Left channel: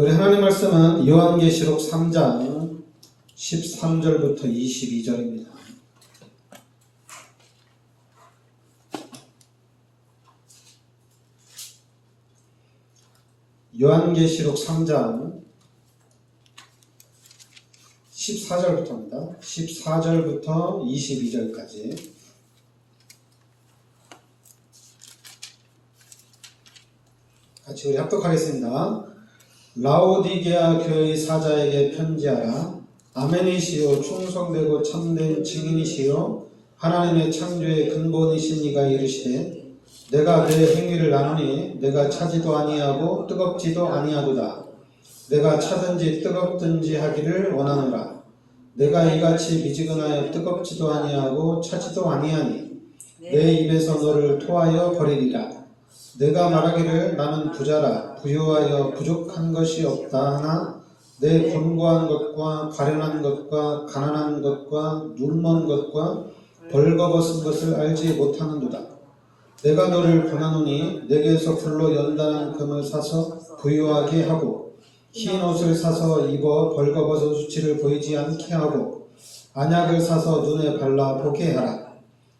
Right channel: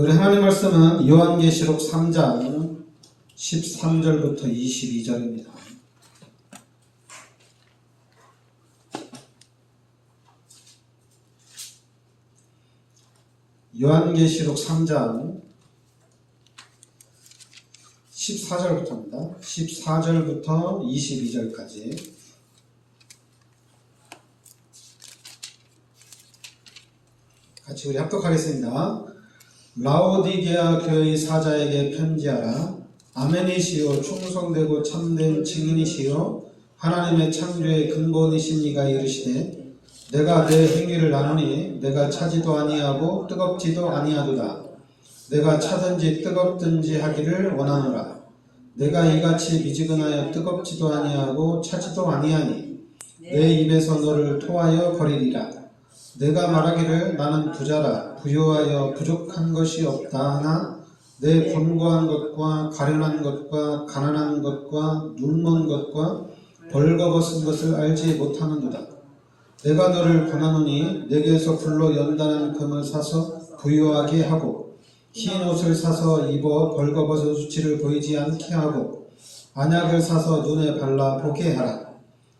우리 하나님 말씀은 요한계시록 3장 13절부터 22절입니다. 요한계시록 3장 14절부터입니다. 14절부터 22절까지. 같이 우리 합독하겠습니다. 라오디게아 교회의 사자에게 편지하라. 아멘이시요 충성되고 참된 증인이시요 하나님의 창조의 근본이신 이가 이르시되 내가 내 행위를 아노니 내가 차지도 아니하고 뜨겁지도 아니하도다. 내가 차든지 뜨겁든지 하기를 원하노라. 내가 이같이 미지근하여 뜨겁지도 아니하고 차지도 아니하니 내 입에서 너를 토하여 버리리라. 내가 말하기를 나는 부자라 부유하여 부족한 것이 없다 하나 내 권고한 것과 가련한 것과 가난한 것과 눈먼 것과 벌거벗은 것을 알지 못하는도다. 내가 너를 권하노니 내게서 불로 연단한 금을 사서 부유하게 하고 흰 옷을 사서 입어 벌거벗은 수치를 보이지 않게 하고 안약을 사서 눈에 발라 보게 하라.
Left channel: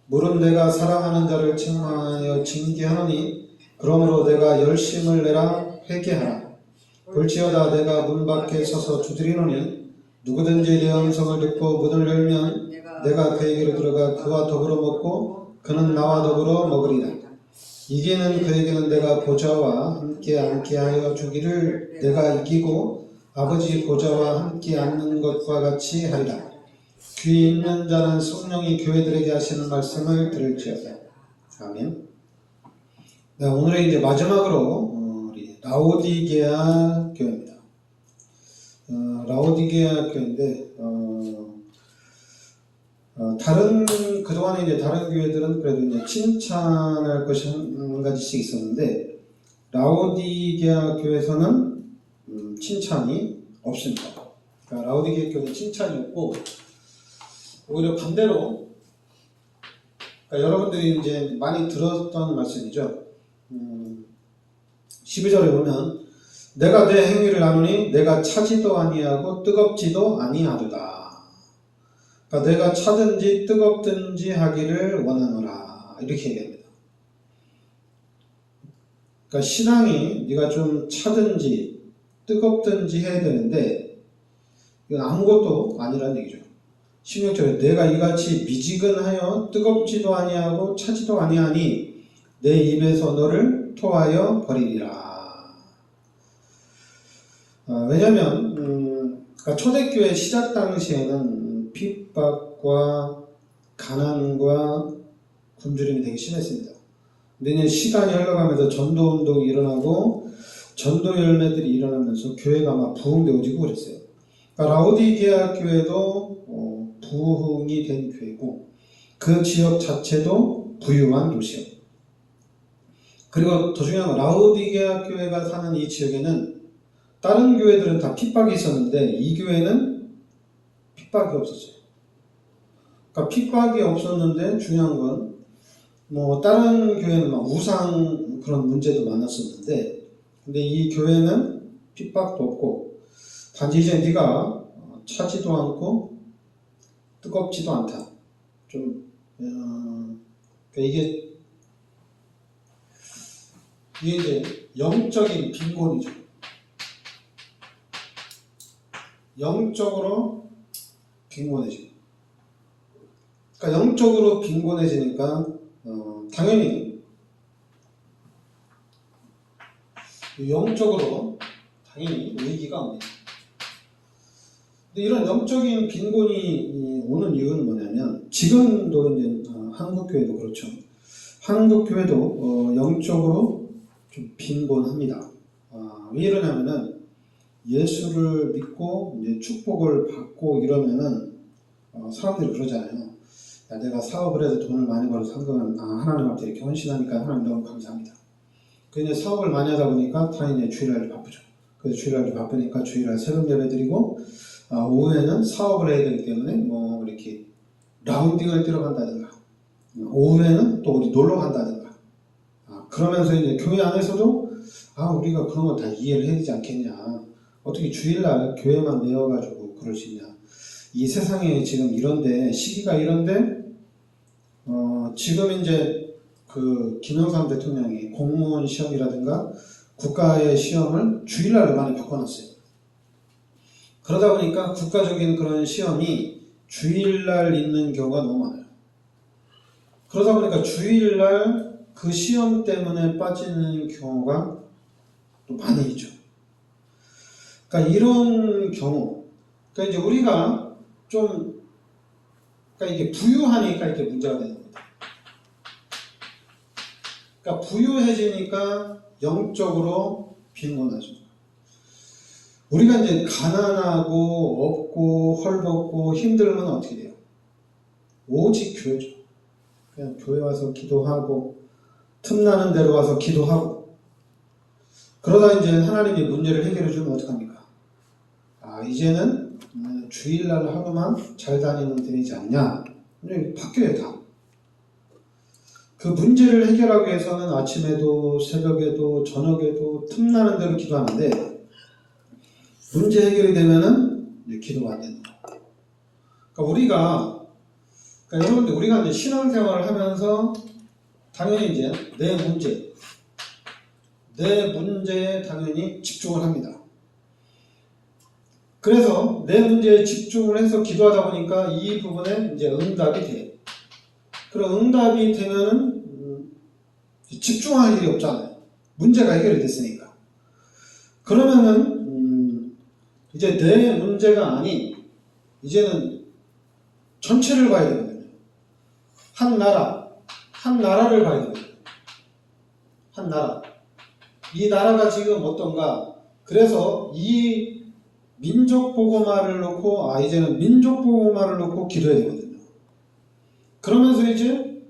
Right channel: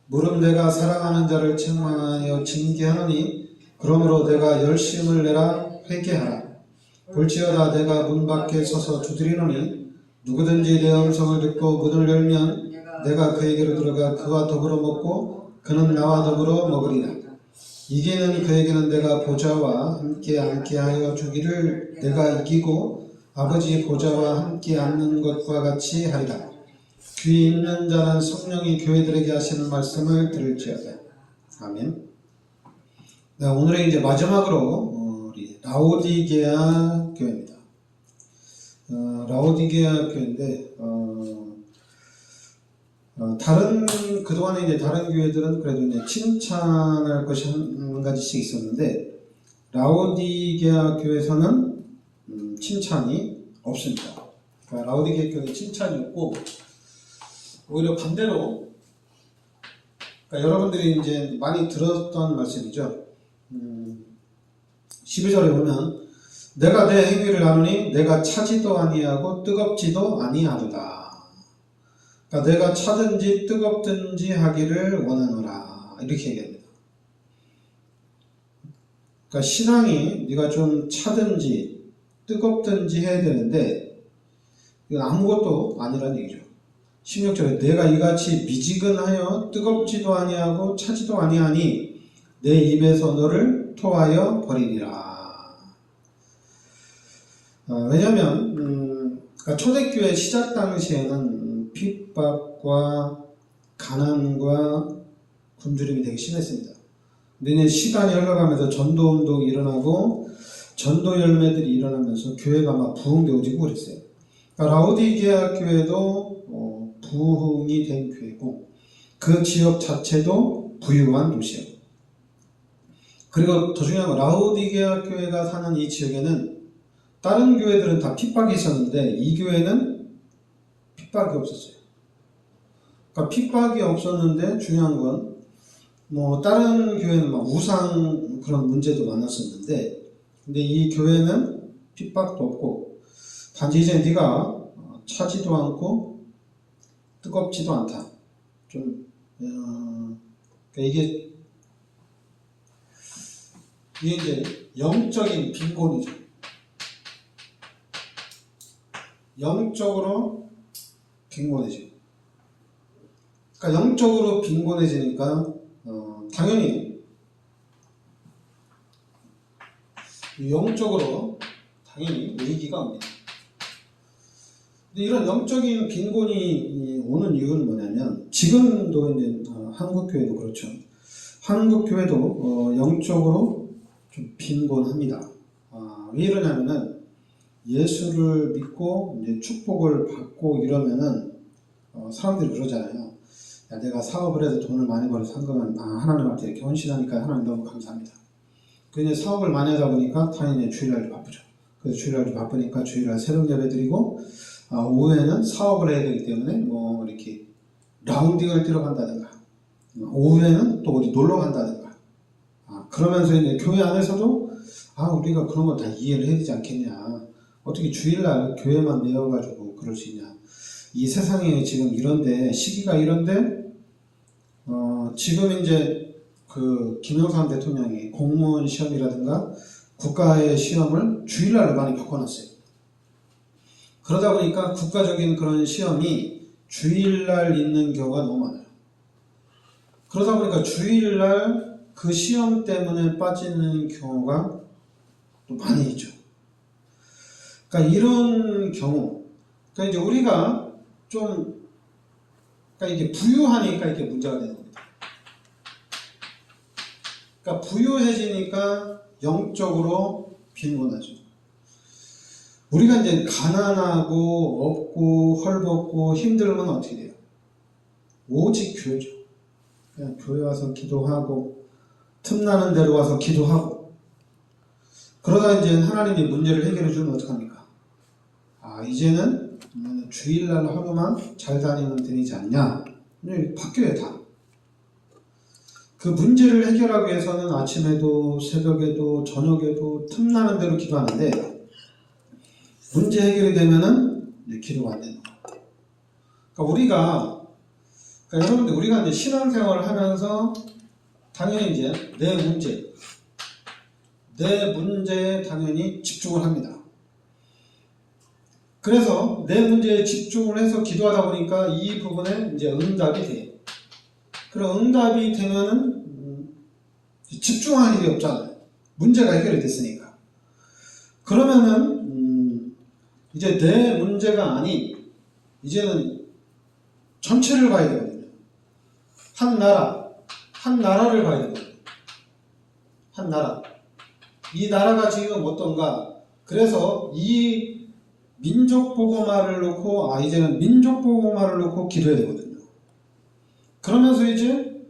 물은 내가 사랑하는 자를 책망하여 징계하노니 그러므로 내가 열심을 내라 회개하라. 볼지어다 내가 문 밖에 서서 두드리노니 누구든지 내 음성을 듣고 문을 열면 내가 그에게로 들어가 그와 더불어 먹고 그는 나와 더불어 먹으리라. 이기는 그에게는 내가 보좌와 함께 앉게 하여 주기를 내가 이기고 아버지 보좌와 함께 앉는 것과 같이 하리라. 귀 있는 자는 성령이 교회들에게 하시는 말씀을 들을지어다. 아멘. 네, 오늘의 이제 마지막으로 우리 라오디게아 교회입니다. 라오디게아 교회인데 그동안에 이제 다른 교회들은 그래도 이제 칭찬할 것이 한 가지씩 있었는데 라오디게아 교회에서는 칭찬이 없습니다. 그러니까 라오디게아 교회는 칭찬이 없고 오히려 반대로 그러니까 여러분들이 이제 많이 들었던 말씀이죠. 12절에 보면 내가 내 행위를 아노니 내가 차지도 아니하고 뜨겁지도 아니하도다. 그러니까 내가 차든지 뜨겁든지 하기를 원하노라 이렇게 얘기합니다. 그러니까 신앙이 네가 좀 차든지 뜨겁든지 해야 되는데 이건 아무것도 아니라는 얘기죠. 16절에 내가 이같이 미지근하여 뜨겁지도 아니하고 차지도 아니하니 내 입에서 너를 토하여 버리리라. 왜냐하면 그러니까 초대교회 시작 당시에는 핍박과 가난과 굶주림이 되게 심했습니다. 근데 이제 시간이 흘러가면서 전도운동이 일어나고 전도 열매들이 일어나면서 교회가 막 부흥되어지고 그랬어요. 그러니까 라오디게아 교회도 부흥이 된 교회고 그 지역 자체도 부유한 도시예요. 그리고 더 중요한 건 라오디게아 교회가 사는 이 지역에는 다른 교회들은 다 핍박이 있었는데 이 교회는 핍박이 없었어요. 그러니까 핍박이 없었는데 중요한 건 뭐 다른 교회는 막 우상 그런 문제도 많았었는데 근데 이 교회는 핍박도 없고 단지 이제 네가 차지도 않고 뜨겁지도 않다. 좀 그러니까 이게 이제 영적인 빈곤이죠. 영적으로 빈곤해지고. 그러니까 영적으로 빈곤해지니까 당연히 영적으로 당연히 위기가 옵니다. 근데 이런 영적인 빈곤이 오는 이유는 뭐냐면 지금도 이제 한국 교회도 그렇죠. 한국 교회도 영적으로 좀 빈곤합니다. 왜 이러냐면은 예수를 믿고 이제 축복을 받고 이러면은 사람들이 그러잖아요. 야, 내가 사업을 해서 돈을 많이 벌어서 한 거면 하나님한테 이렇게 헌신하니까 하나님 너무 감사합니다. 근데 사업을 많이 하다 보니까 당연히 주일날 바쁘죠. 그래서 주일날 바쁘니까 주일날 새벽 예배 드리고 오후에는 사업을 해야 되기 때문에 뭐 이렇게 라운딩을 뛰러 간다든가 오후에는 또 어디 놀러 간다든가 그러면서 이제 교회 안에서도 우리가 그런 거 다 이해를 해야 되지 않겠냐. 어떻게 주일날 교회만 내어가지고 그럴 수 있냐. 이 세상에 지금 이런데, 시기가 이런데, 지금 이제 그 김영삼 대통령이 공무원 시험이라든가 국가의 시험을 주일날로 많이 바꿔놨어요. 그러다 보니까 국가적인 그런 시험이 주일날 있는 경우가 너무 많아요. 그러다 보니까 주일날 그 시험 때문에 빠지는 경우가 또 많이 있죠. 그러니까 이런 경우, 그러니까 이제 우리가 좀, 그러니까 이게 부유하니까 이게 문제가 되는 겁니다. 그러니까 부유해지니까 영적으로 빈곤하죠. 우리가 이제 가난하고 없고 헐벗고 힘들면 어떻게 돼요? 오직 교회죠. 그냥 교회 와서 기도하고 틈나는 대로 와서 기도하고 그러다 이제 하나님이 문제를 해결해 주면 어떡합니까? 이제는 주일날 하루만 잘 다니면 되지 않냐? 바뀌어요 다. 그 문제를 해결하기 위해서는 아침에도 새벽에도 저녁에도 틈나는 대로 기도하는데 문제 해결이 되면은 이제 기도가 안 되는 거예요. 그러니까 여러분들 우리가 이제 신앙생활을 하면서 당연히 이제 내 문제에 당연히 집중을 합니다. 그래서 내 문제에 집중을 해서 기도하다 보니까 이 부분에 이제 응답이 돼요. 그럼 응답이 되면은 집중할 일이 없잖아요. 문제가 해결이 됐으니까. 그러면은 이제 내 문제가 아닌 이제는 전체를 봐야 되거든요. 한 나라를 봐야 되거든요. 한 나라. 이 나라가 지금 어떤가? 그래서 이 민족보고마를 놓고 이제는 민족보고마를 놓고 기도해야 되거든요. 그러면서 이제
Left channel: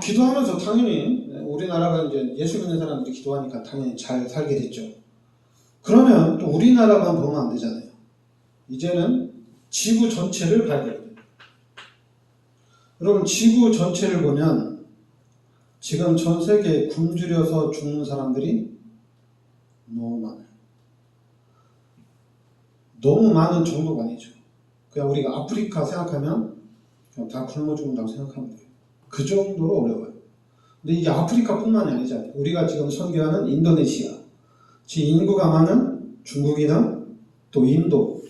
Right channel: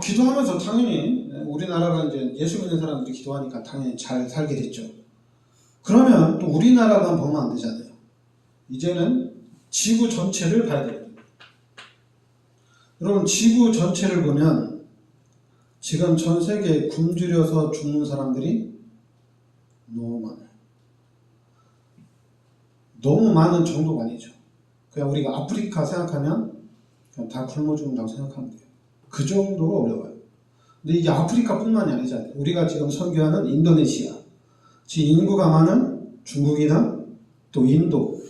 기도하면서 당연히 우리나라가 이제 예수 믿는 사람들이 기도하니까 당연히 잘 살게 됐죠. 그러면 또 우리나라만 보면 안 되잖아요. 이제는 지구 전체를 봐야 되거든요. 여러분 지구 전체를 보면 지금 전 세계에 굶주려서 죽는 사람들이 너무 많아요. 너무 많은 정도가 아니죠. 그냥 우리가 아프리카 생각하면 그냥 다 굶어 죽는다고 생각하면 돼요. 그 정도로 어려워요. 근데 이게 아프리카뿐만이 아니잖아요. 우리가 지금 선교하는 인도네시아, 지금 인구가 많은 중국이나 또 인도,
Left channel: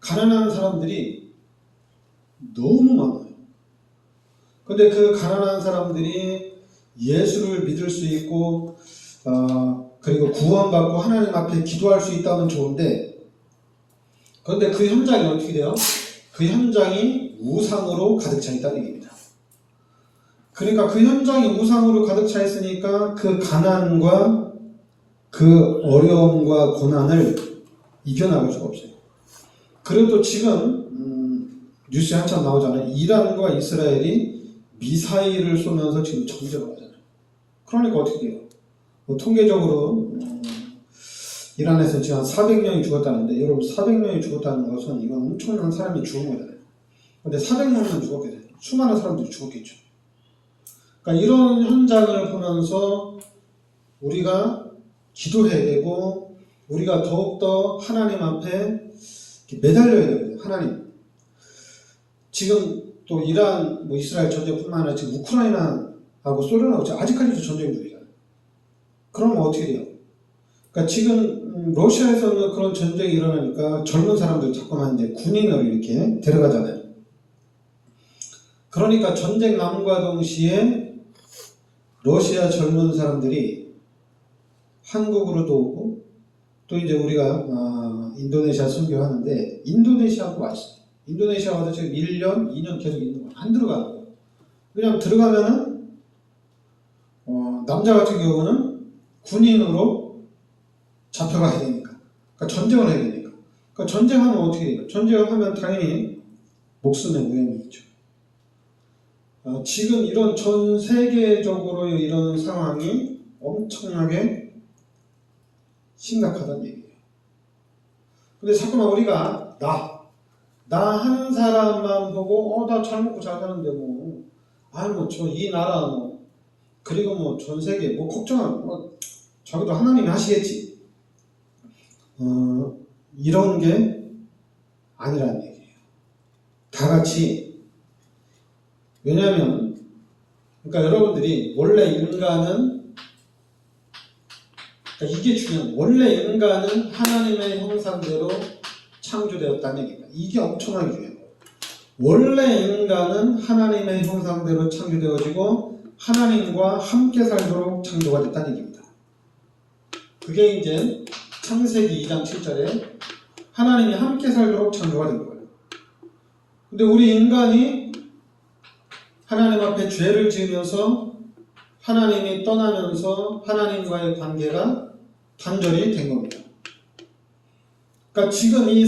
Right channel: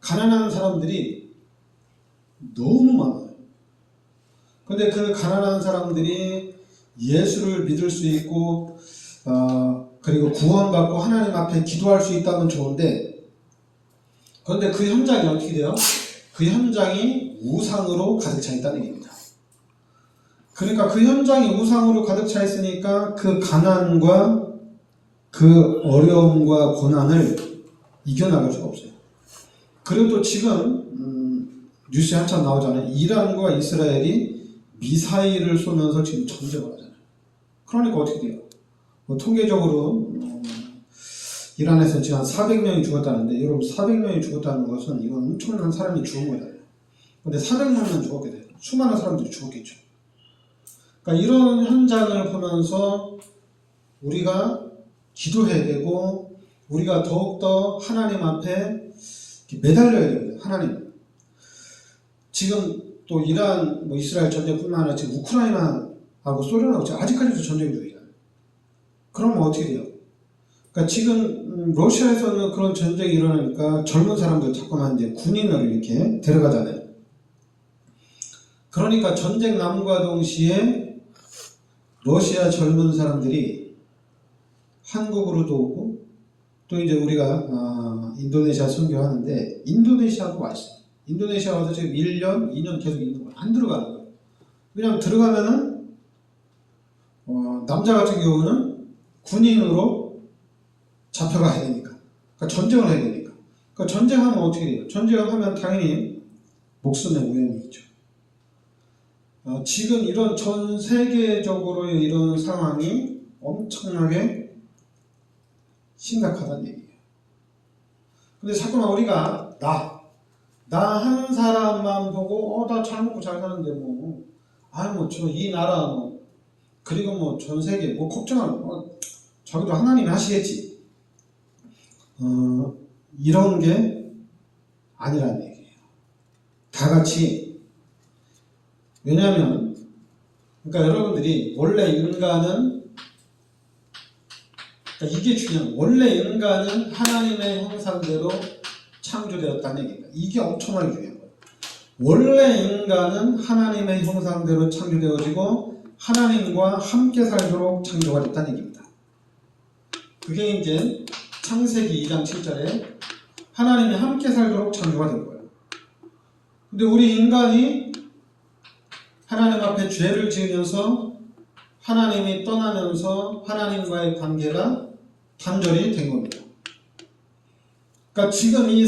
가난한 사람들이 너무 많아요. 근데 그 가난한 사람들이 예수를 믿을 수 있고 그리고 구원받고 하나님 앞에 기도할 수 있다면 좋은데 그런데 그 현장이 어떻게 돼요? 그 현장이 우상으로 가득 차 있다는 얘기입니다. 그러니까 그 현장이 우상으로 가득 차 있으니까 그 가난과 그 어려움과 고난을 이겨나갈 수가 없어요. 그리고 또 지금 뉴스에 한참 나오잖아요. 이란과 이스라엘이 미사일을 쏘면서 지금 전쟁을 하잖아요. 그러니까 어떻게 돼요? 통계적으로 이란에서 지금 한 400명이 죽었다는데 여러분 400명이 죽었다는 것은 이건 엄청난 사람이 죽은 거잖아요. 근데 400명만 죽었게 돼요. 수많은 사람들이 죽었겠죠. 그러니까 이런 현장을 보면서 우리가 기도해야 되고 우리가 더욱더 하나님 앞에 매달려야 됩니다. 하나님. 지금 또 이란, 이스라엘 전쟁뿐만 아니라 지금 우크라이나하고 소련하고 아직까지도 전쟁 중이잖아요. 그러면 어떻게 돼요? 그러니까 지금 러시아에서는 그런 전쟁이 일어나니까 젊은 사람들 자꾸만 이제 군인을 이렇게 데려가잖아요. 그러니까 전쟁 남과 동시에 러시아 젊은 사람들이 한국으로도 오고 또 이제 우리가 인도네시아 선교하는데 인도네시아도 와 있어요. 인도네시아 와서 지금 1년, 2년 계속 있는 거예요. 안 들어가는 거예요. 왜냐면 들어가면은 남자 같은 경우는 군인으로 잡혀가야 되니까. 그러니까 전쟁을 해야 되니까. 그러니까 전쟁하면 어떻게 돼요? 전쟁하면 당연히 목숨의 위험이 있죠. 지금 이런 전 세계적으로 이런 상황이 엄청나게 심각하다는 얘기예요. 근데 자꾸만 우리가 나 한 사람만 보고 나 잘 먹고 잘 사는데 저 이 나라 그리고 전 세계 걱정하는 자기도 하나님이 하시겠지. 이런 게 아니라는 얘기예요. 다 같이. 왜냐하면 그러니까 여러분들이 원래 인간은 그러니까 이게 중요한 거예요. 원래 인간은 하나님의 형상대로 창조되었다는 얘기입니다. 이게 엄청나게 중요한 거예요. 원래 인간은 하나님의 형상대로 창조되어지고 하나님과 함께 살도록 창조가 됐다는 얘기입니다. 그게 이제 창세기 2장 7절에 하나님이 함께 살도록 창조가 된 거예요. 근데 우리 인간이 하나님 앞에 죄를 지으면서 하나님이 떠나면서 하나님과의 관계가 단절이 된 겁니다. 그러니까 지금 이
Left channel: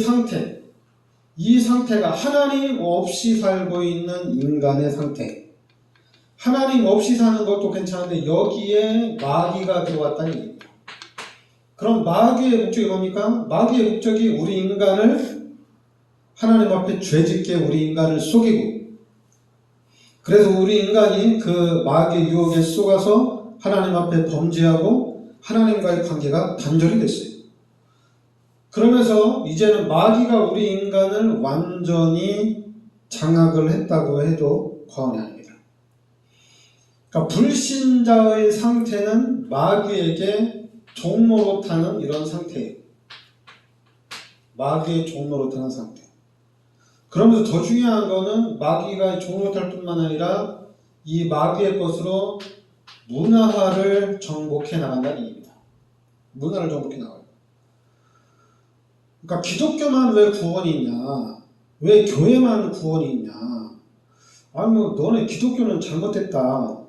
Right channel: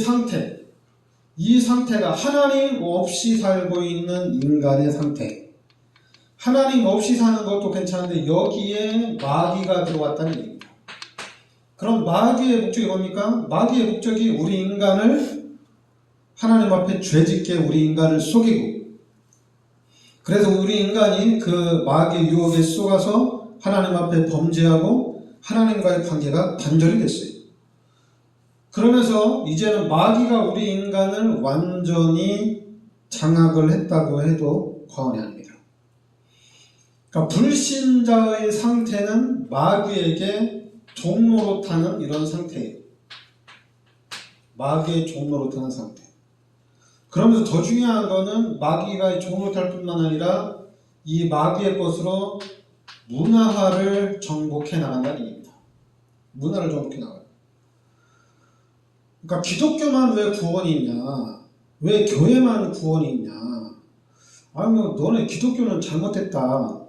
상태가 하나님 없이 살고 있는 인간의 상태. 하나님 없이 사는 것도 괜찮은데 여기에 마귀가 들어왔다는 얘기입니다. 그럼 마귀의 목적이 뭡니까? 마귀의 목적이 우리 인간을 하나님 앞에 죄짓게 우리 인간을 속이고, 그래서 우리 인간이 그 마귀의 유혹에 속아서 하나님 앞에 범죄하고 하나님과의 관계가 단절이 됐어요. 그러면서 이제는 마귀가 우리 인간을 완전히 장악을 했다고 해도 과언이 아닙니다. 그러니까 불신자의 상태는 마귀에게 종노릇하는 이런 상태예요. 마귀의 종노릇하는 상태. 그러면서 더 중요한 거는 마귀가 종노릇할 뿐만 아니라 이 마귀의 것으로 문화화를 정복해 나간다는 얘기입니다. 문화를 정복해 나가요. 그러니까 기독교만 왜 구원이 있냐? 왜 교회만 구원이 있냐? 아니 뭐 너네 기독교는 잘못됐다.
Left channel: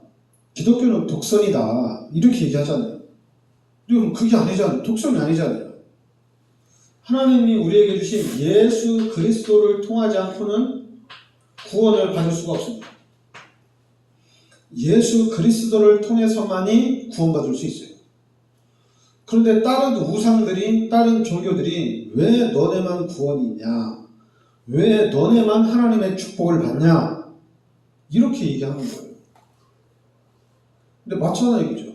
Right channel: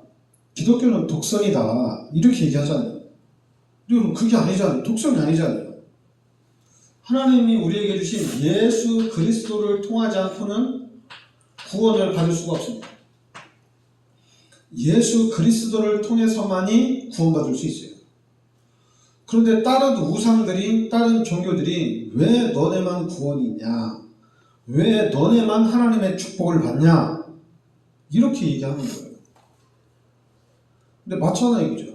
기독교는 독선이다. 이렇게 얘기하잖아요. 그리고 그게 아니잖아요. 독선이 아니잖아요. 하나님이 우리에게 주신 예수 그리스도를 통하지 않고는 구원을 받을 수가 없습니다. 예수 그리스도를 통해서만이 구원받을 수 있어요. 그런데 다른 우상들이, 다른 종교들이 왜 너네만 구원이 있냐? 왜 너네만 하나님의 축복을 받냐? 이렇게 얘기하는 거예요. 근데 마찬가지 얘기죠.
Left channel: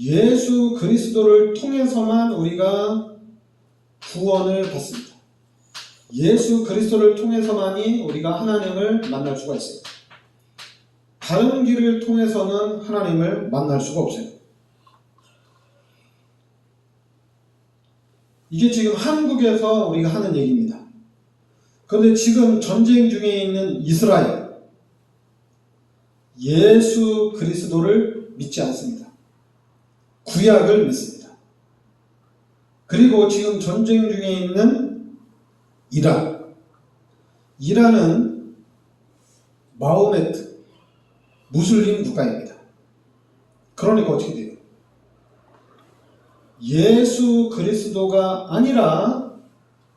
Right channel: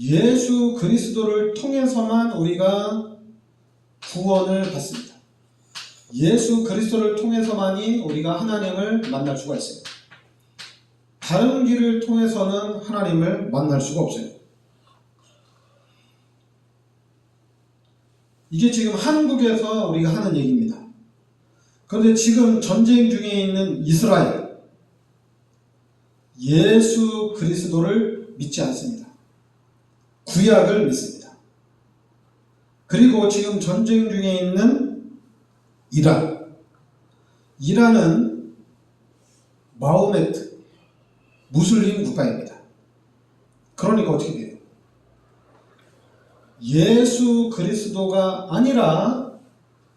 예수 그리스도를 통해서만 우리가 구원을 받습니다. 예수 그리스도를 통해서만이 우리가 하나님을 만날 수가 있어요. 다른 길을 통해서는 하나님을 만날 수가 없어요. 이게 지금 한국에서 우리가 하는 얘기입니다. 그런데 지금 전쟁 중에 있는 이스라엘, 예수 그리스도를 믿지 않습니다. 구약을 믿습니다. 그리고 지금 전쟁 중에 있는 이란은 마호메트, 무슬림 국가입니다. 그러니까 어떻게 돼요? 예수 그리스도가 아니라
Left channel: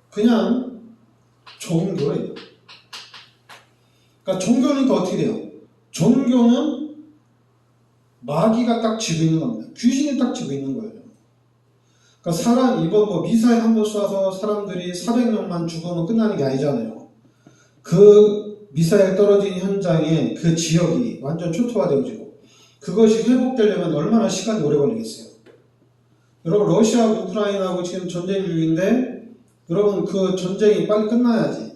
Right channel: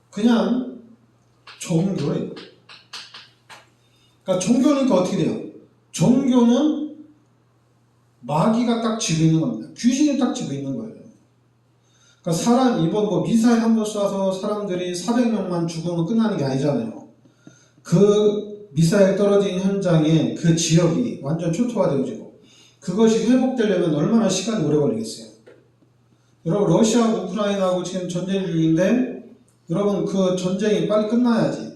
그냥 종교예요. 그러니까 종교니까 어떻게 돼요? 종교는 마귀가 딱 쥐고 있는 겁니다. 귀신이 딱 쥐고 있는 거예요. 그러니까 이번 미사일 한번 쏴서 사람들이 400명만 죽으면 끝나는 게 아니잖아요. 그 미사일 떨어진 현장에 그 지역이 완전 초토화되어지고 그것이 회복되려면 얼마나 시간이 오래 걸리겠어요. 여러분 러시아하고 우크라이나하고 지금 전쟁 중인데 여러분 그 전쟁이 빨리 끝나야지.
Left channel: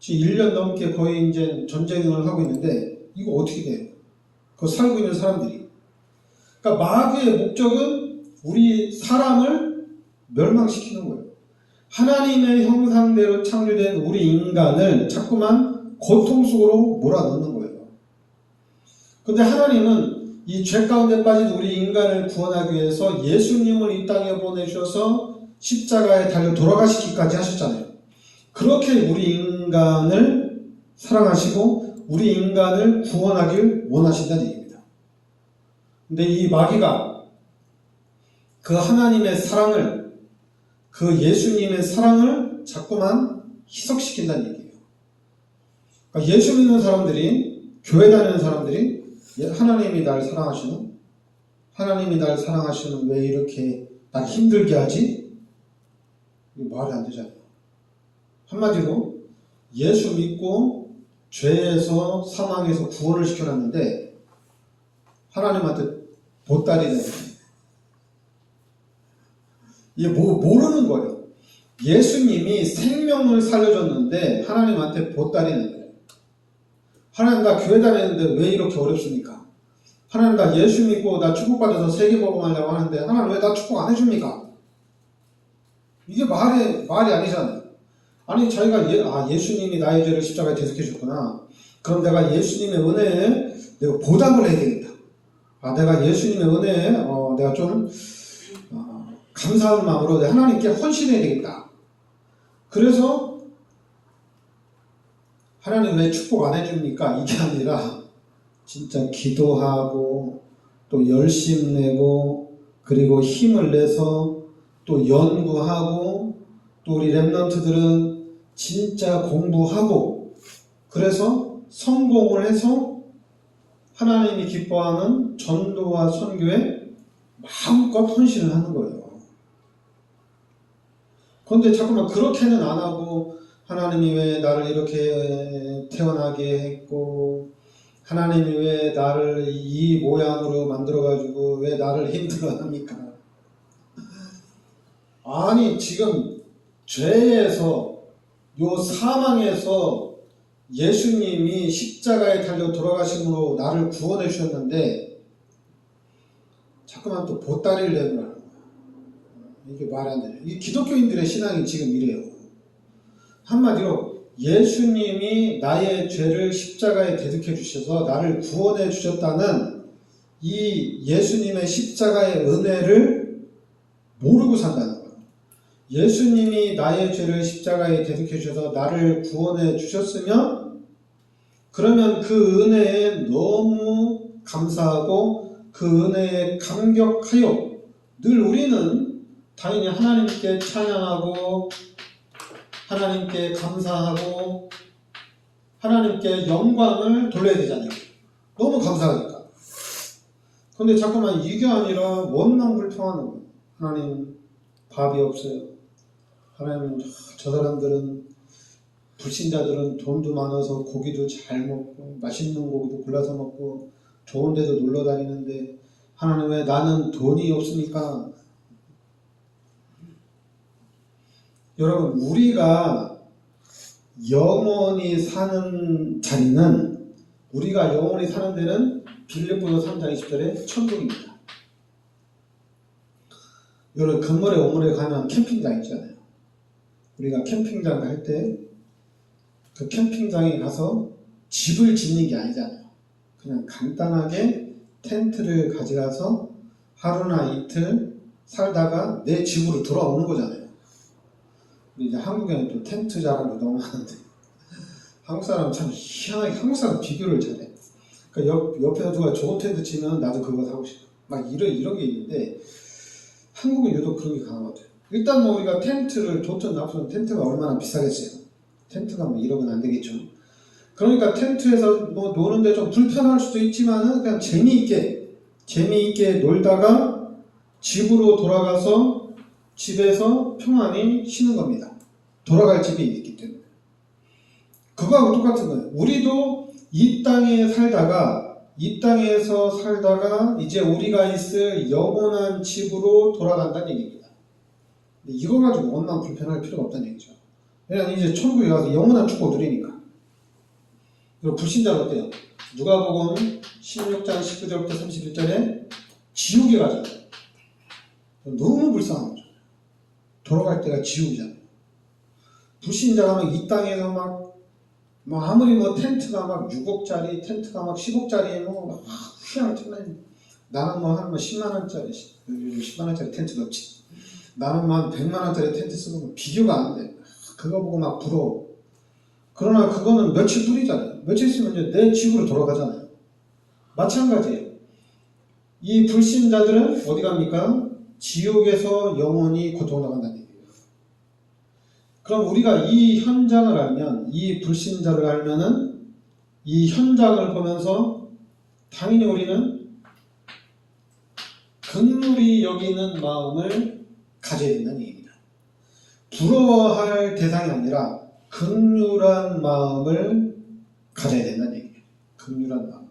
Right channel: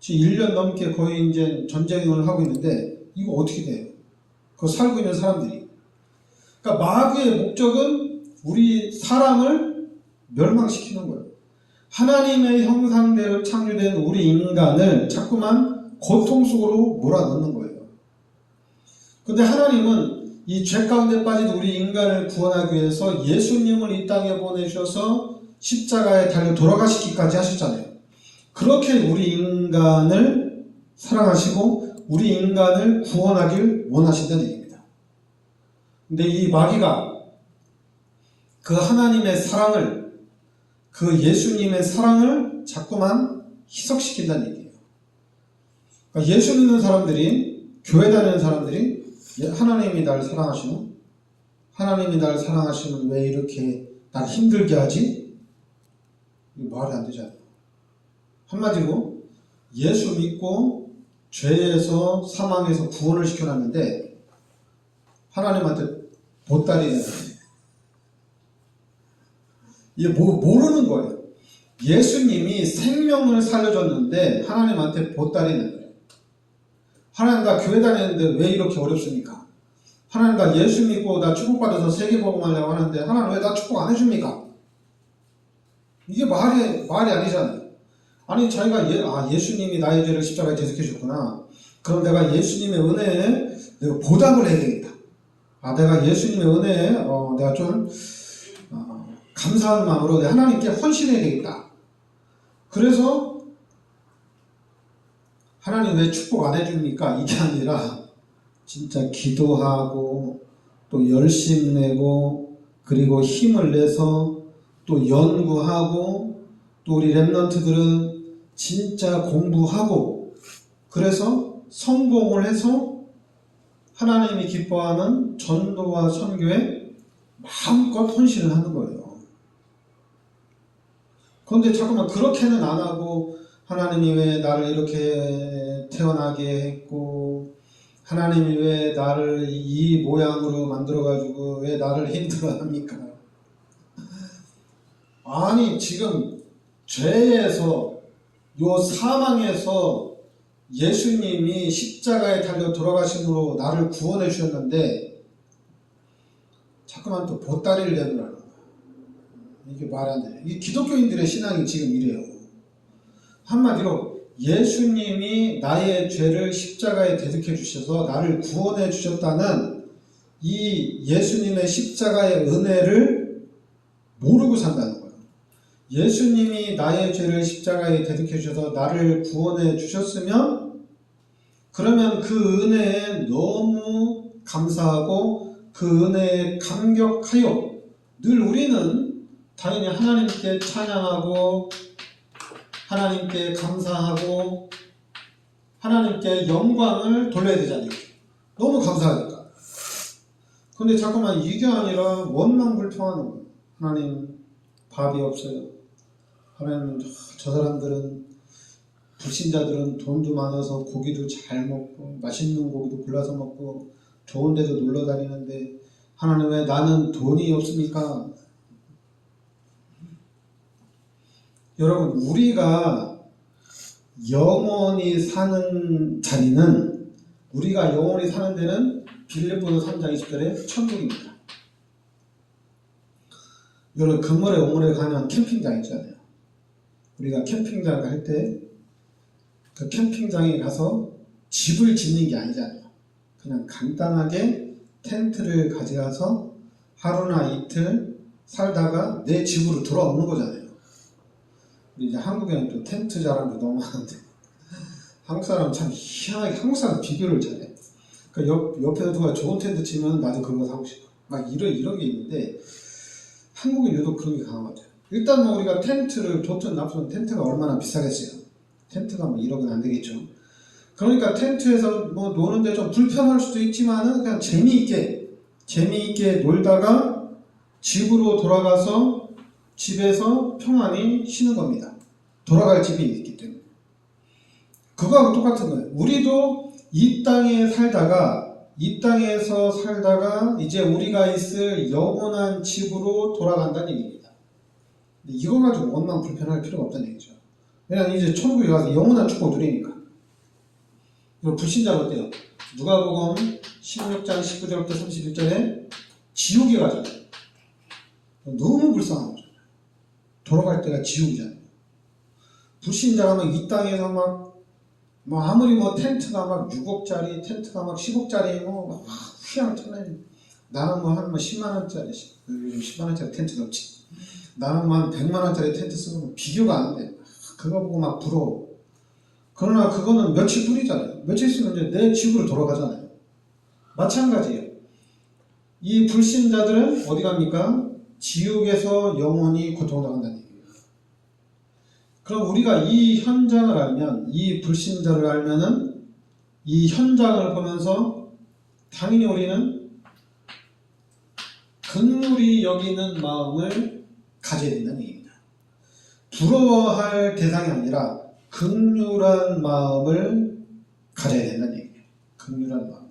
지금 1년 넘게 거의 이제 전쟁을 하고 있는데 이거 어떻게 돼요? 그 살고 있는 사람들이. 그러니까 마귀의 목적은 우리 사람을 멸망시키는 거예요. 하나님의 형상대로 창조된 우리 인간을 자꾸만 고통 속으로 몰아넣는 거예요. 근데 하나님은 이 죄 가운데 빠진 우리 인간을 구원하기 위해서 예수님을 이 땅에 보내셔서 십자가에 달려 돌아가시기까지 하셨잖아요. 그렇게 우리 인간을 사랑하시고 우리 인간을 구원하길 원하신다는 얘기입니다. 근데 이 마귀가 그 하나님의 사랑을, 그 예수님의 사랑을 자꾸만 희석시킨다는 얘기예요. 그러니까 예수 믿는 사람들이, 교회 다니는 사람들이 하나님이 나를 사랑하시는? 하나님이 나를 사랑하시면 왜 이렇게 날 힘들게 하지? 이거 말이 안 되잖아요. 한마디로 예수 믿고 죄에서 사망에서 구원을 시켜놨는데 하나님한테 보따리는 이게 모르는 거예요. 예수님이 생명을 살려줬는데 하나님한테 보따리는 거예요. 하나님 나 교회 다니는데 왜 이렇게 어렵습니까? 하나님 나 예수 믿고 나 축복받아서 세계복음하려고 하는데 하나님 왜 나 축복 안 해줍니까? 이게 말이 아니잖아요. 아니 저희가 예수님이 나의 죄를 십자가에 대속해 줬구나. 그럼 내가 예수님의 은혜에 내가 보답을 해야 되겠다. 내가 예수님의 은혜에 내가 좀 감사하는 마음으로 하나님께 헌신해야 되겠다. 그래서 하나님 왜 축복 안 해줍니까? 이게 아니라 진짜 기도하고 또 열심 내고 그리고 힘을 내서 또 연구하고 또 우리 랩런트들은 진짜 공부하고 그래서 성공을 해서 하나님이 기뻐하는 전도와 선교에 마음껏 헌신을 하는 거예요. 그런데 자꾸만 그렇게는 안 하고 하나님이 왜 나를 이렇게 태어나게 했고 하나님이 왜 나를 이 모양으로 만들어가지고 왜 나를 힘들어합니까? 아니 지금 죄에서 요 사망에서 예수님이 십자가에 달려 돌아가심으로 나를 구원해 주셨는데 자꾸만 또 보따리를 내는 거예요. 이게 말이 안 돼요. 이 기독교인들의 신앙이 지금 이래요. 한마디로 예수님이 나의 죄를 십자가에 대속해 주셔서 나를 구원해 주셨다는 이 예수님의 십자가의 은혜를 모르고 산다는 거예요. 예수님이 나의 죄를 십자가에 대속해 주셔서 나를 구원해 주셨으면 그러면 그 은혜에 너무 감사하고 그 은혜에 감격하여 늘 우리는 당연히 하나님께 찬양하고 하나님께 감사하고 하나님께 영광을 돌려야 되잖아요. 너무 감사하니까. 근데 잠깐만 이게 아니라 원망 불평하는 거예요. 하나님 밥이 없어요. 하나님 저 사람들은 불신자들은 돈도 많아서 고기도 잘 먹고 맛있는 고기도 골라서 먹고 좋은 데도 놀러 다니는데 하나님 왜 나는 돈이 없습니까? 여러분 우리가 영원히 사는 자리는 우리가 영원히 사는 데는 빌립보서 3장 20절에 천국입니다. 여러분 금물에 오물에 가면 캠핑장 있잖아요. 우리가 캠핑장 갈 때 그 캠핑장에 가서 집을 짓는 게 아니잖아요. 그냥 간단하게 텐트를 가져가서 하루나 이틀 살다가 내 집으로 돌아오는 거잖아요. 이제 한국에는 또 텐트 자랑도 너무 많은데 한국 사람은 참 희한하게 한국 사람 비교를 잘해. 그러니까 옆에서 누가 좋은 텐트 치면 나도 그거 사고 싶어. 막 이런 게 있는데 한국은 유독 그런 게 강한 것 같아요. 일단 뭐 우리가 텐트를 좋든 나쁘든 텐트가 얼마나 비싸겠어요. 텐트가 뭐 1억은 안 되겠죠. 그러니까 텐트에서 뭐 노는데 좀 불편할 수도 있지만은 그냥 재미있게 놀다가 집으로 돌아가서 집에서 평안히 쉬는 겁니다. 돌아갈 집이 있기 때문에. 그거하고 똑같은 거예요. 우리도 이 땅에서 살다가 이제 우리가 있을 영원한 집으로 돌아간다는 얘기입니다. 이거 가지고 원망 불편할 필요가 없다는 얘기죠. 왜냐면 이제 천국에 가서 영원한 축복 누리니까. 그리고 불신자는 어때요? 누가복음 16장 19절부터 31절에 지옥에 가잖아요. 너무 불쌍한 거죠. 돌아갈 때가 지옥이잖아요. 불신자가 막 이 땅에서 막 아무리 뭐 텐트가 막 6억짜리, 텐트가 막 10억짜리 뭐 희한한 텐트. 나는 뭐 한 10만원짜리, 요즘 10만원짜리 텐트가 없지. 나는 뭐 한 100만원짜리 텐트 쓰고 비교가 안 돼. 그거 보고 막 부러워. 그러나 그거는 며칠 뿐이잖아요. 며칠 있으면 이제 내 집으로 돌아가잖아요. 마찬가지예요. 이 불신자들은 어디 갑니까? 지옥에서 영원히 고통당한다는 얘기예요. 그럼 우리가 이 현장을 알면, 이 불신자를 알면은 이 현장을 보면서 당연히 우리는 긍휼히 여기는 마음을 가져야 된다는 얘기입니다. 부러워할 대상이 아니라 긍휼한 마음을 가져야 된다는 얘기예요. 긍휼한 마음.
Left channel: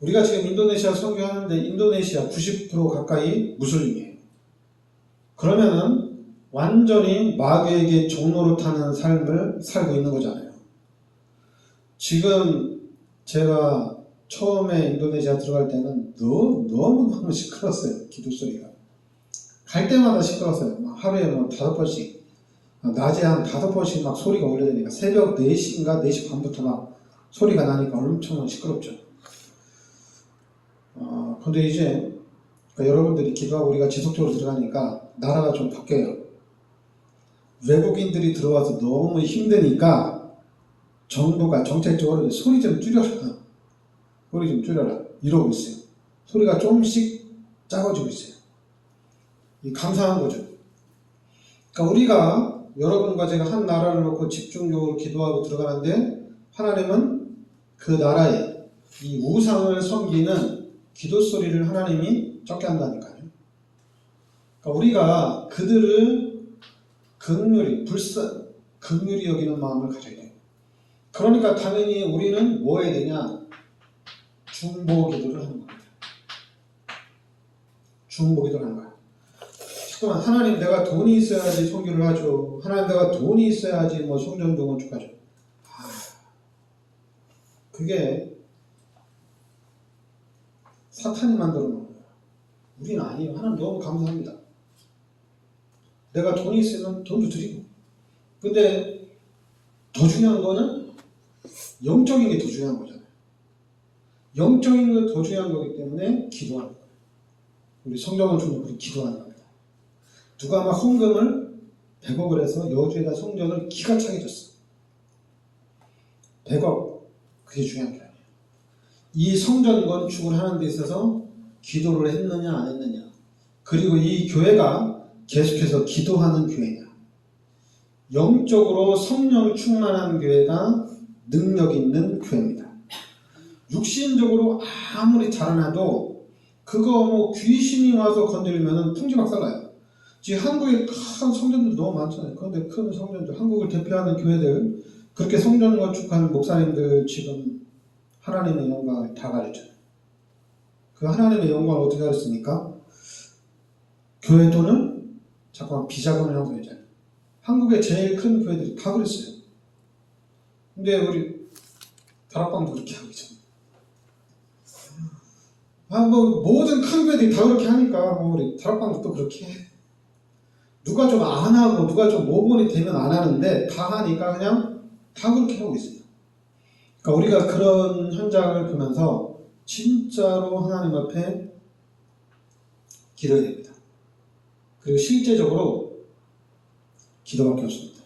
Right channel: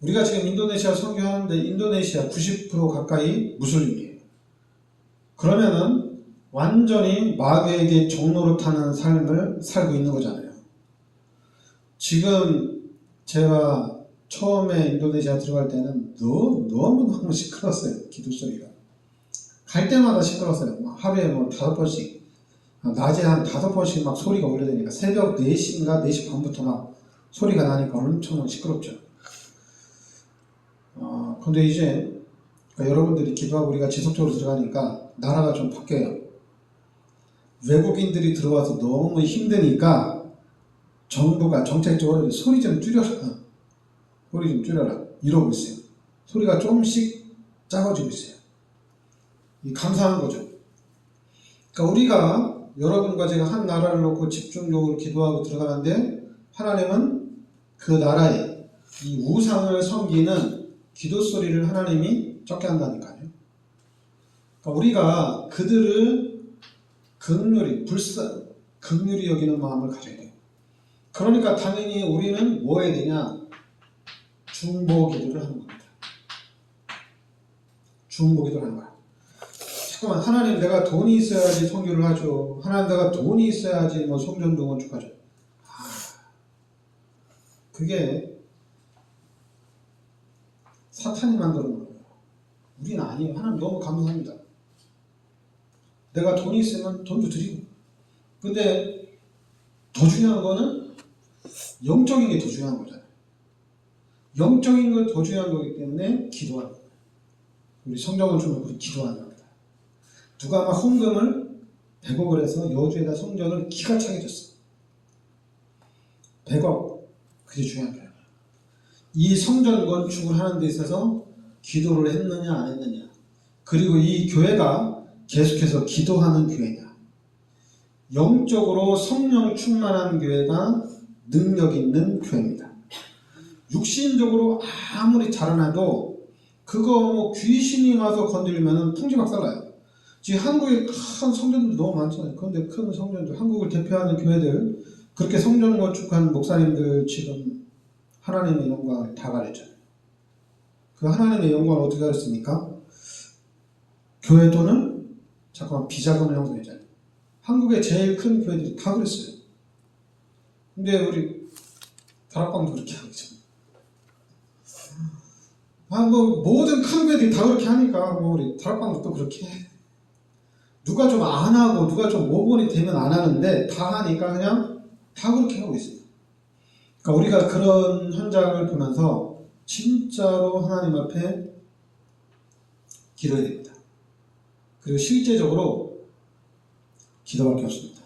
우리가 지금 인도네시아 선교하는데 인도네시아 90% 가까이 무슬림이에요. 그러면은 완전히 마귀에게 종로로 타는 삶을 살고 있는 거잖아요. 지금 제가 처음에 인도네시아 들어갈 때는 너무너무 시끄러웠어요. 기도 소리가. 갈 때마다 시끄러웠어요. 하루에 5번씩, 낮에 한 5번씩 막 소리가 울려대니까 새벽 4시인가 4시 반부터 막 소리가 나니까 엄청 시끄럽죠. 근데 이제 여러분들이 기도하고 우리가 지속적으로 들어가니까 나라가 좀 바뀌어요. 외국인들이 들어와서 너무 힘드니까 정부가 정책적으로 소리 좀 줄여라. 소리 좀 줄여라. 이러고 있어요. 소리가 조금씩 작아지고 있어요. 감사한 거죠. 그러니까 우리가 여러분과 제가 한 나라를 놓고 집중적으로 기도하고 들어가는데 하나님은 그 나라에 이 우상을 섬기는 기도 소리를 하나님이 적게 한다니까요. 그러니까 우리가 그들을 긍휼히 여기는 마음을 가져야 돼요. 그러니까 당연히 우리는 뭐 해야 되냐? 중보 기도를 하는 겁니다. 중보 기도를 하는 거야. 잠깐만, 하나님 내가 돈이 있어야지 선교를 하죠. 하나님 내가 돈이 있어야지 성전도 건축하죠. 그게 사탄이 만들어 놓은 거예요. 우리는 아니에요. 하나님 너무 감사합니다. 내가 돈이 있으면 돈도 드리고. 근데 더 중요한 거는 영적인 게 더 중요한 거잖아요. 영적인 게 더 중요한 거기 때문에 기도하는 거예요. 우리 성경을 주면 우리 기도하는 겁니다. 누가 막 헌금을 100억을 해서 여주에다 성전을 기가 차게 줬어. 100억. 그게 중요한 거예요. 이 성전 건축을 하는 데 있어서 기도를 했느냐 안 했느냐, 그리고 이 교회가 계속해서 기도하는 교회냐, 영적으로 성령 충만한 교회가 능력 있는 교회입니다. 육신적으로 아무리 자라나도 그거 귀신이 와서 건드리면 풍지박살나요. 지금 한국에 큰 성전들 너무 많잖아요. 그런데 큰 성전들, 한국을 대표하는 교회들, 그렇게 성전 건축한 목사님들 지금 하나님의 영광을 다 가렸잖아요. 그 하나님의 영광을 어떻게 가렸습니까? 교회 돈을 잠깐 비자금을 형성했잖아요. 한국의 제일 큰 교회들이 다 그랬어요. 근데 우리 다락방도 그렇게 하고 있잖아요. 모든 큰 교회들이 다 그렇게 하니까 우리 다락방도 또 그렇게 해. 누가 좀 안 하고 누가 좀 모범이 되면 안 하는데 다 하니까 그냥 다 그렇게 하고 있어요. 그러니까 우리가 그런 현장을 보면서 진짜로 하나님 앞에 기도해야 됩니다. 그리고 실제적으로 기도밖에 없습니다.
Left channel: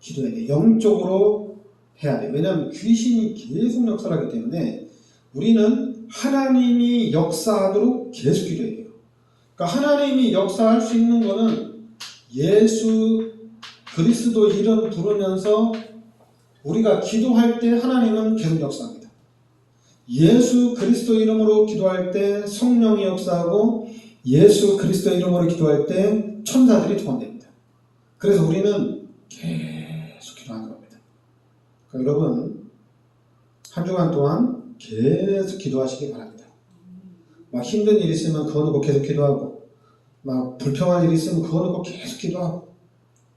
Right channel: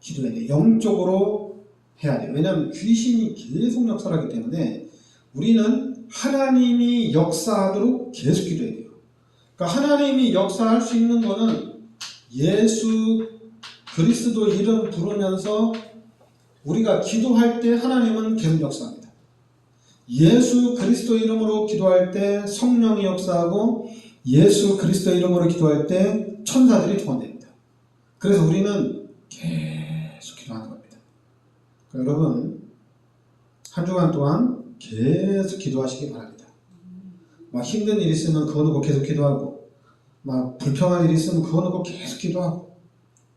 기도해야 돼요. 영적으로 해야 돼요. 왜냐하면 귀신이 계속 역사하기 때문에 우리는 하나님이 역사하도록 계속 기도해야 돼요. 그러니까 하나님이 역사할 수 있는 거는 예수 그리스도 이름 부르면서 우리가 기도할 때 하나님은 계속 역사합니다. 예수 그리스도 이름으로 기도할 때 성령이 역사하고 예수 그리스도 이름으로 기도할 때 천사들이 동원됩니다. 그래서 우리는 계속 기도하는 겁니다. 그러니까 여러분 한 주간 동안 계속 기도하시기 바랍니다. 막 힘든 일 있으면 그거 놓고 계속 기도하고, 막 불평한 일 있으면 그거 놓고 계속 기도하고,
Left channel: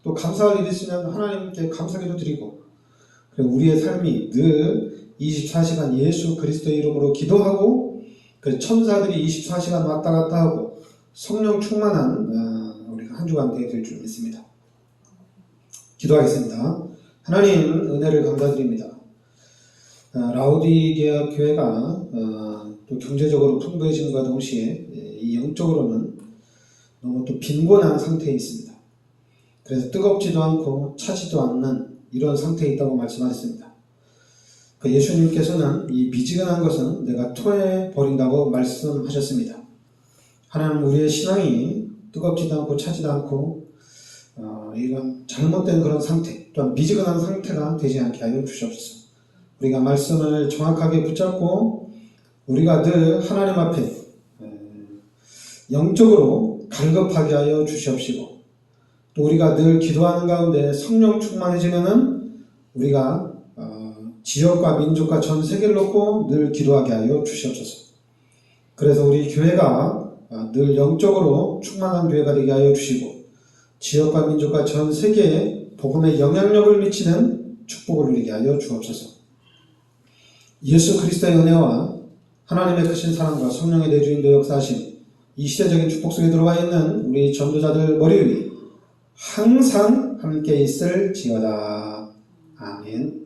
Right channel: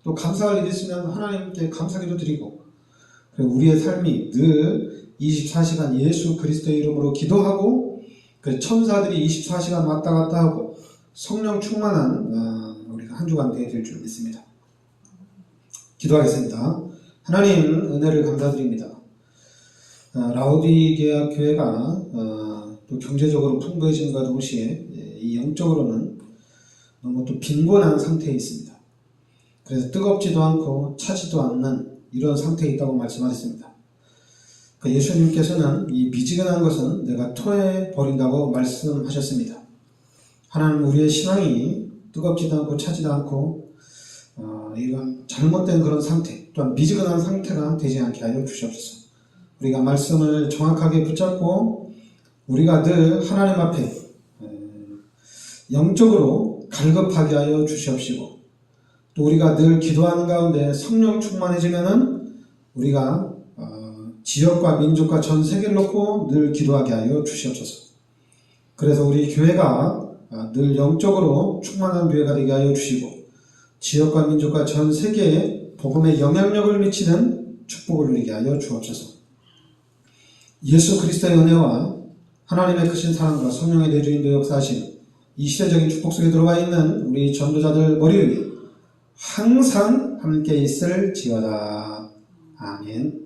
또 감사할 일 있으면 하나님께 감사기도 드리고, 그리고 우리의 삶이 늘 24시간 예수 그리스도의 이름으로 기도하고, 그 천사들이 24시간 왔다 갔다 하고 성령 충만한 우리가 한 주간 되게 될 줄 믿습니다. 기도하겠습니다. 하나님 은혜를 감사드립니다. 라오디게아 교회가 또 경제적으로 풍부해짐과 동시에 이 영적으로는 너무 또 빈곤한 상태에 있습니다. 그래서 뜨겁지도 않고 차지도 않는 이런 상태에 있다고 말씀하셨습니다. 예수님께서는 이 미지근한 것은 내가 토해 버린다고 말씀하셨습니다. 하나님 우리의 신앙이 뜨겁지도 않고 차지도 않고 이런 잘못된 그런 상태, 또한 미지근한 상태가 되지 않게 하여 주시옵소서. 우리가 말씀을 정확하게 붙잡고 우리가 늘 하나님 앞에 영적으로 갈급하게 하여 주시옵시고, 또 우리가 늘 기도하는 가운데 성령 충만해지면은 우리가 지역과 민족과 전 세계를 놓고 늘 기도하게 하여 주시옵소서. 그래서 우리 교회가 늘 영적으로 충만한 교회가 되게 하여 주시고 지역과 민족과 전 세계에 복음의 영향력을 미치는 축복을 누리게 하여 주옵소서. 예수 그리스도의 은혜와 하나님의 크신 사랑과 성령의 내주인도 역사하심 이 시대적인 축복 속에 들어와 있는 우리 전도자들 머리 위에 항상 함께 있을지어다. 아멘.